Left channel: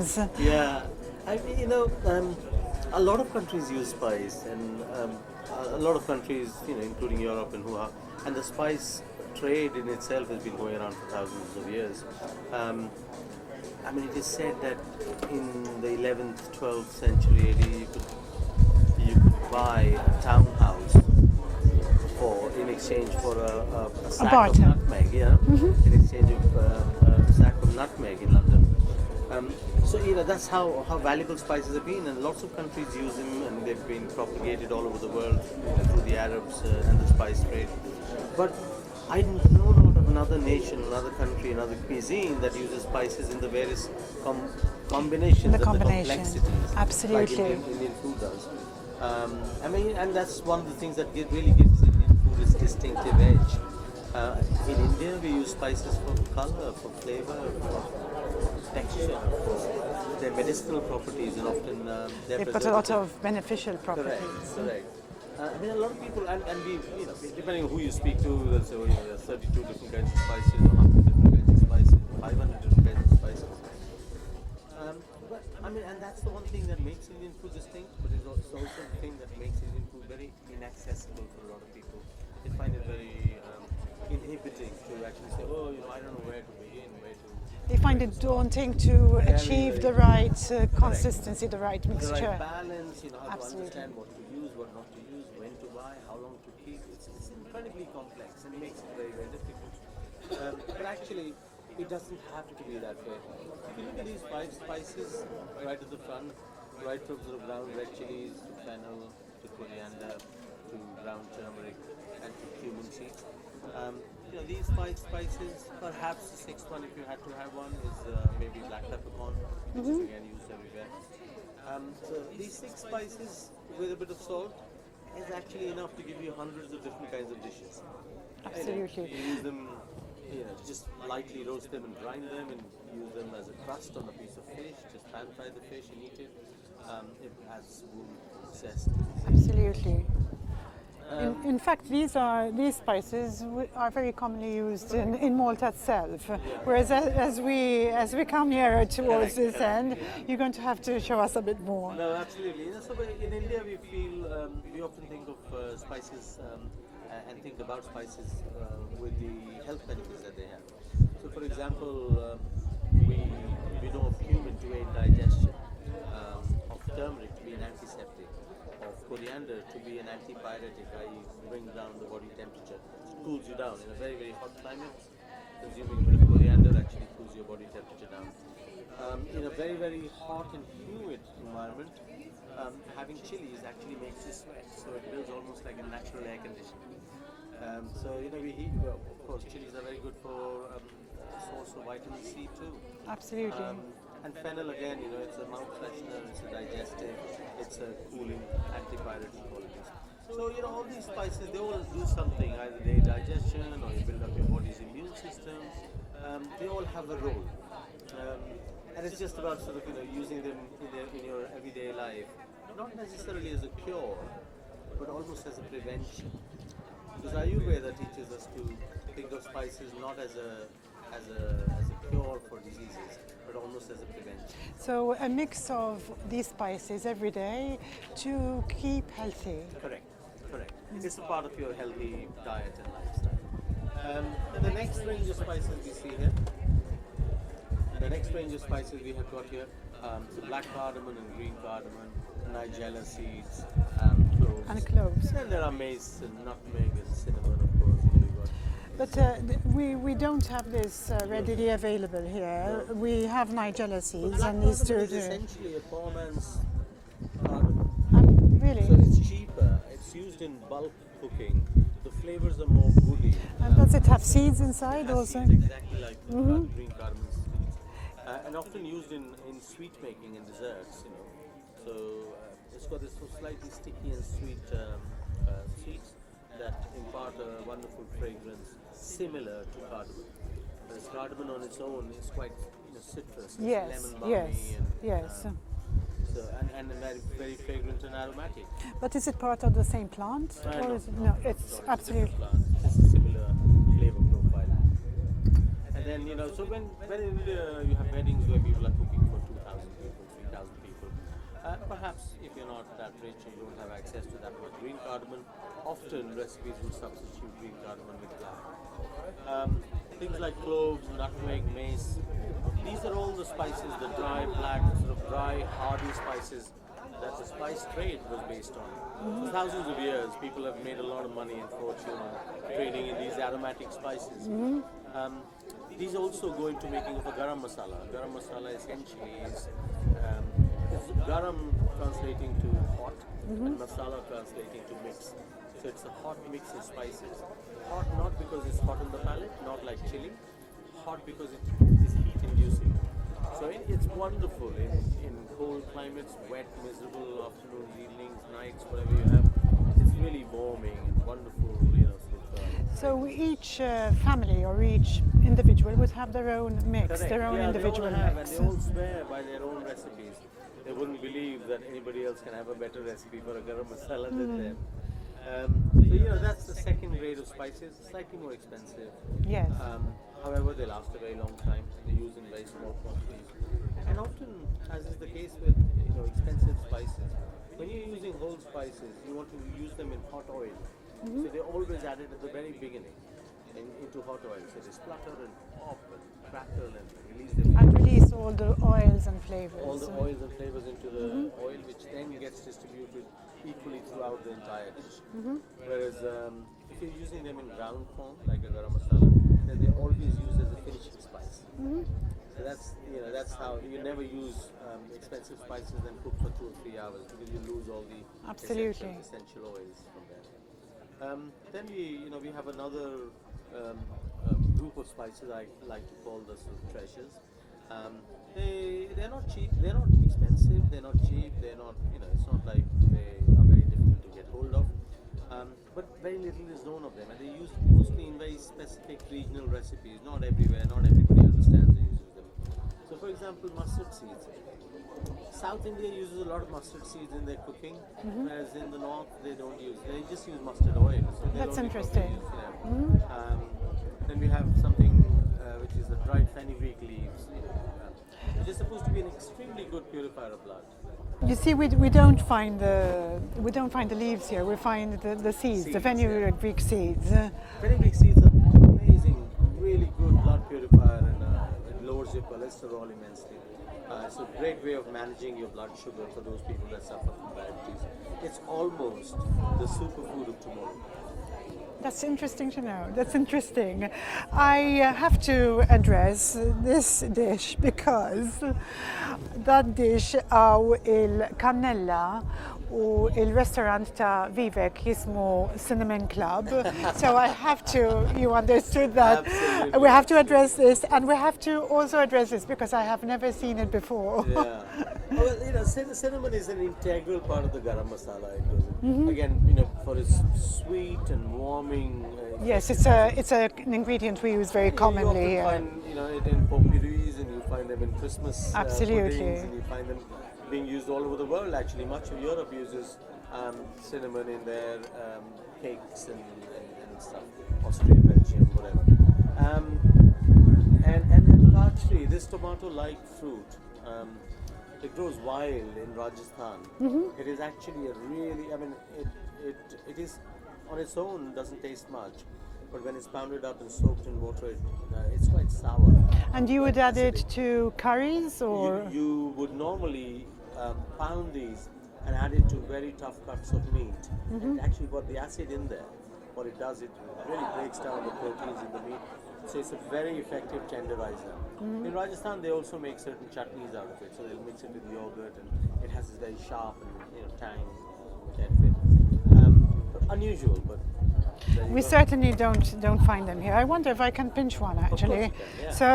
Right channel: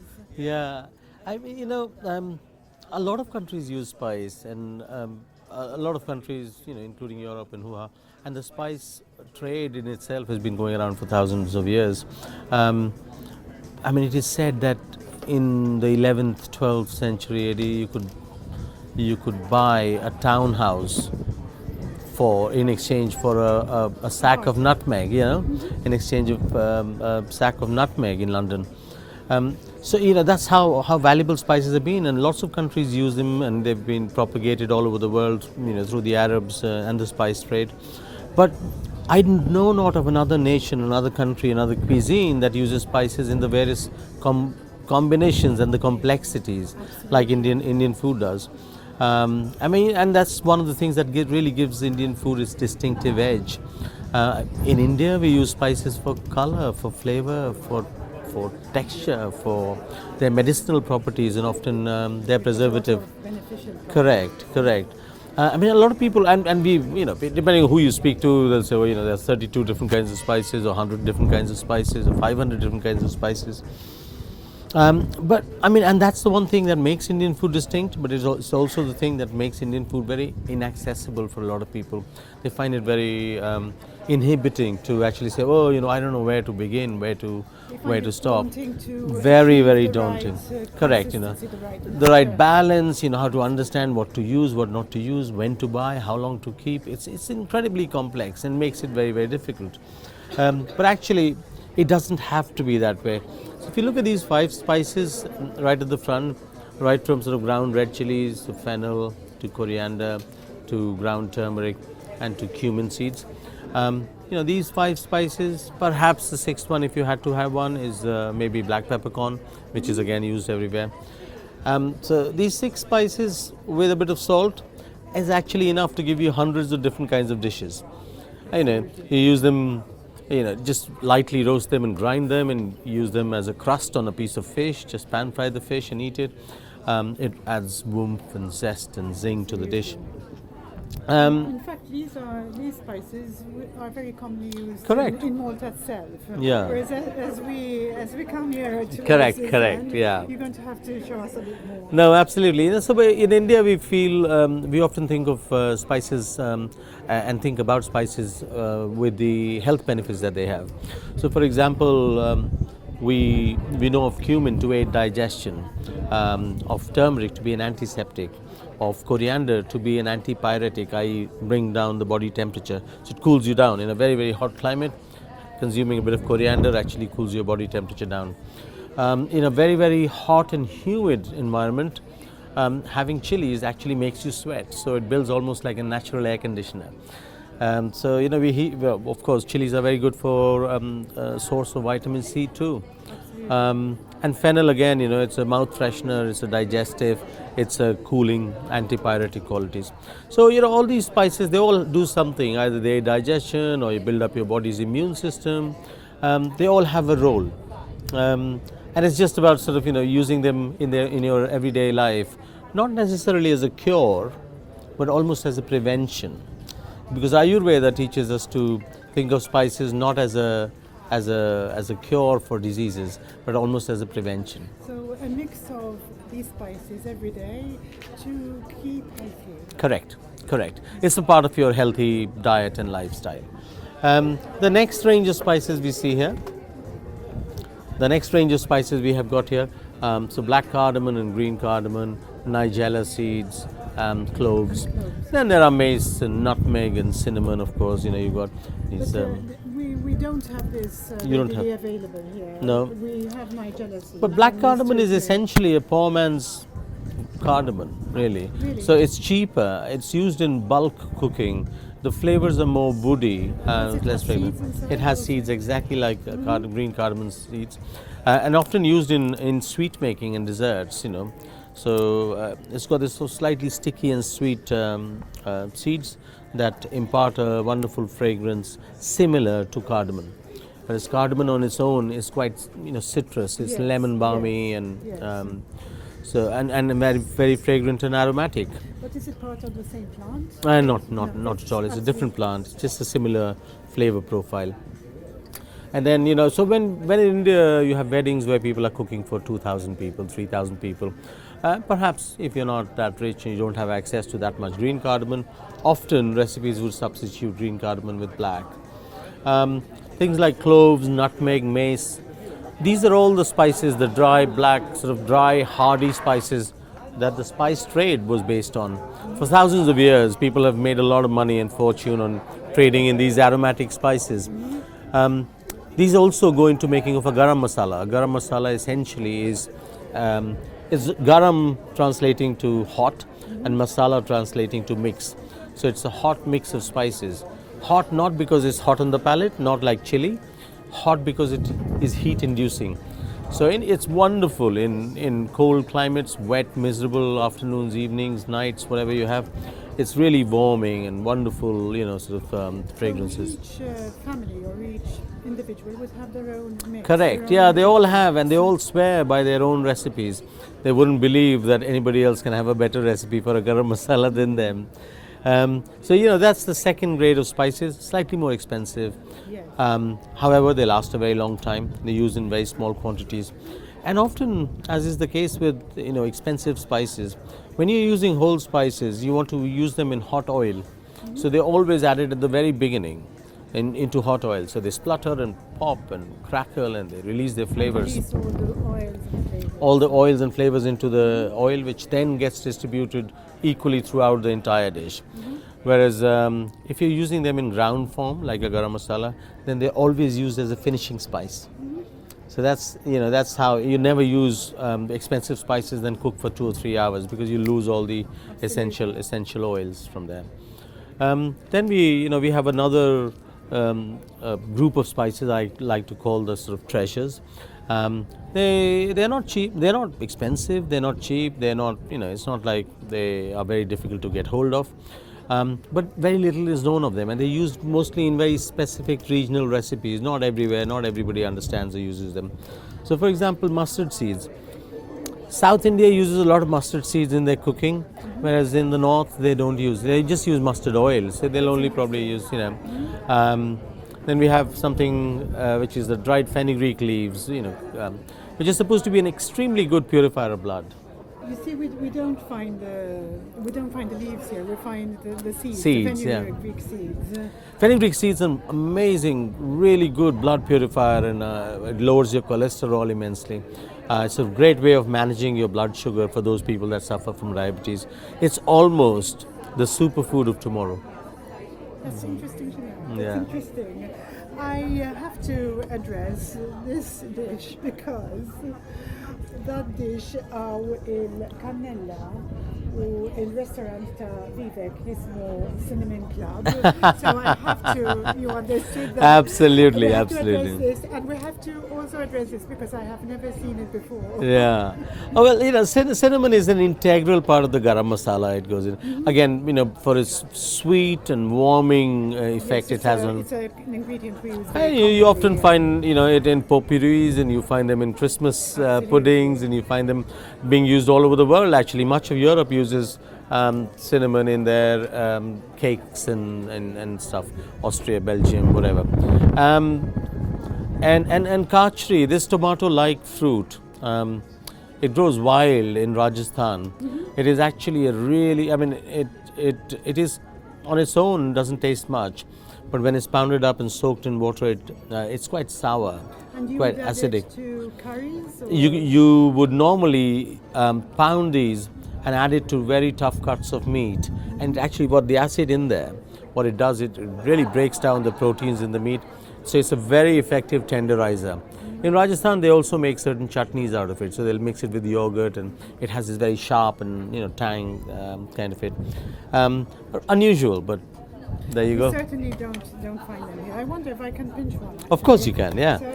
combinations. Yeah, I mean, a lot of countries use spice, and a lot of countries, including Europe and Hua, and the spice trade in itself has been going around for thousands of years. Um, I mean, it is said that in the 11th, 12th century AD, you could buy a townhouse for in exchange for a sack of barter. nutmeg, in exchange of a sack of nutmeg in London. So that's how valuable spices have been, and lots of countries use them, and they've been propagated all over the world, through the Arabs and the spice trade. But I know not of another nation, another country, another cuisine that uses spices in the various combinations and the complexities, like Absolutely. Indian food does. I mean, and that's one of the things that really gives Indian food its distinctive edge. In India, we use spices for color, for flavor, for texture, for their medicinal properties, and often their They've got a lot preservative. of beneficial Correct, properties. correct. I mean, a lot of people, and we, depending on who you speak to, they'll say, well, there's 32 different kinds of spices, or 100 different kinds of spices, or 500 different kinds of spices. But I mean, and that's the one thing that makes Indian food distinct, but it's also the thing that makes Indian food very inaccessible for a lot of people. They find it very inhibiting to actually say, oh, I don't know where to begin, where to stop. Daunting to Very, achieve very the daunting. right, Correct, consistency, the right the right mixture. balance, how to understand what to use, what not to use, when to buy, how long to keep. It's incredibly complex and makes it very, very difficult. But actually, it doesn't have to be that way. So if you look at these 5 spices right at the front, right from sort of ground red chilies to fennel to coriander to ground turmeric and to cumin seeds. These 5 spices, perhaps the 6th one, if you had to have one, is maybe black peppercorn, which is again used everywhere. So these 6 spices with a bit of salt is actually enough to give you hundreds of different kinds of dishes. You use them, just lightly roast them and grind them and use them as a crust on a piece of fish, just pan fry the fish and eat it. It adds warmth and zest and zing to the dish. In fact, these spices are very commonly used Correct. in Malta itself. Yeah. Whereas as we come here to Correct, this correct, end, yeah. you're going to have to show us a bit more. No, absolutely. So in India, we feel we often think of spices and think about spices with the health benefits that they have. So, for example, we know of cumin to aid digestion, of turmeric to be an antiseptic, of coriander to be an antipyretic, i.e., bring down the body temperature. So it cools you down in a very, very hot climate. Consuming a bit of coriander actually cools your body temperature down. In a very, very hot and humid environment, having chilies actually makes you sweat, so it builds almost like a natural air conditioner. So of course, chilies are very good for a source of vitamin C too. And fennel again, it's a mouth freshener, it's a digestive, it's a cooling, antipyretic qualities. So all these spices, they all do something. Either they aid digestion or you build up your body's immune system. They all have a role. And it's just about sort of using them in your everyday life, not necessarily as a cure, but almost as a prevention. Because Ayurveda teaches us to think of spices not as a cure for diseases, but almost as a prevention. So a mix of these spices every day to keep healthy. Correct. It's a part of your healthy diet and lifestyle. The next range of spices we see here. The next range of spices we have got here, so black cardamom and green cardamom, nigella seeds, cloves. Then there are mace and nutmeg and cinnamon, of course. You've got these. But we don't have this You don't readily have- available here. No. We have nigella seeds. But black and cardamom is here. essentially a poor man's cardamom, really. Really? So it's cheaper. It's used in bulk cooking. The flavors are more woody Does and it less have fragrant. seeds inside It has also? seeds exactly like green cardamom seeds, and often used in sweet making and desserts. So it's got this so slightly sticky and sweet seeds that impart a wonderful fragrance similar to cardamom. Whereas cardamom on its own is quite citrus. It's Yes, lemon balmy yes, and yes. so and very, very fragrant and aromatic. But is it part of the same plant? Not at all. It's a different plant. It's just a similar flavor profile. And then, you know, so when in India you have weddings where people are cooking for 2,000 people, 3,000 people, perhaps if you're not that rich and you don't have access to that much green cardamom, often recipes would substitute green cardamom with black. Um, Things like cloves, nutmeg, mace, these are all the spices, the dry, black, sort of dry, hardy spices that the spice trade was based on. For thousands of years, people have made a lot of money and fortune on trading in these aromatic spices. These also go into making of a garam masala. A garam masala essentially is garam translating to hot and masala translating to mix. So it's a hot mix of spices. Hot not because it's hot on the palate, not like chili. Hot because it is heat inducing. So it's wonderful in cold climates, wet, miserable afternoons, evenings, nights, whatever you have. It's really warming and wonderful, you know, sort of fragrances. So each family or each individual would have their own mix. Correct. Yeah, they all have, and they all swear by their own recipes. They wouldn't believe that anybody else can have a better recipe for a garam masala than them. So you know, that's the second grade of spices, slightly more expensive. Yes. However, they last a very long time. They're used in very small quantities, and often, as is the case with, you know, expensive spices, when you're using whole spices, you want to use them in hot oil. So they're always added at the very beginning into hot oil. So they splutter and pop and crackle, and they release their flavors. Release all the oils and flavors. All the oils and flavors into the oil, which then gets distributed equally throughout the entire dish. Whereas if you're using them in ground form, like a garam masala, then they're always used as a finishing spice. So that's, you know, that's how you never use expensive spices then cook for 2 or 3 hours, because you lose all the essential oils from there. Then we have another group of spices I like to call the sort of treasures. They're not cheap, they're not expensive, they're not cheap, they're not, you know, it's not like they are very difficult to get hold of. But very little is known of them, and they're used mostly in very specific regional recipes. Not everywhere, not everybody understands or uses them. So for example, mustard seeds. South India uses a lot of mustard seeds in their cooking, whereas in the north they don't use. They just use mustard oil, so they'll only probably use, you know. Then we have something which is the dried fenugreek leaves, you know, which is supposed to be an extremely good purifier of blood. You see, we don't find the leaves here. We find the seeds, the fenugreek seeds. Fenugreek seeds are amazing, really good blood purifier, and it lowers your cholesterol immensely. It's a great way of managing your blood sugar for those people that suffer from diabetes. It's almost the superfood of tomorrow. That's interesting to know. That's interesting. I have to address this dish because that dish il-kannella u il-restaurant ta' Vivek jismu Cinnamon Club. So I have to, you understood that. Absolutely. We have to address this, and we have to also address this because I have never seen it before. Yeah. Oh, well, you know, cinnamon is an integral part of the garam masala. It goes in. Again, you know, for its sweet and warming effect, Yes, it's an ingredient we use very commonly. You often find, you know, it in potpourris, and you find them in Christmas puddings, and you find them being used all over the world. Actually, much of Europe uses cinnamon in their cakes and stuff. Austria, Belgium, whatever. And kachri, this tomato-like fruit, it grows wild in Rajasthan. It is actually a really, I mean, it is on its own doesn't taste much, but when it's pounded up and soaked in water, it's quite sour, And you quite would add acidic. it to curries? Or? You would normally pound these and add it to very tough cuts of meat. And actually, what the acid in there, what it does, it really breaks down the proteins in the meat. So it's a very effective tenderizer. In Rajasthan, they also make certain chutneys out of it. So they'll mix it with yogurt, and it has this very sharp and, you know, tang kind of it. Unusual, but there you go. We certainly don't find them here. I wonder if I can pinch one. Actually. Of course you can, yeah. So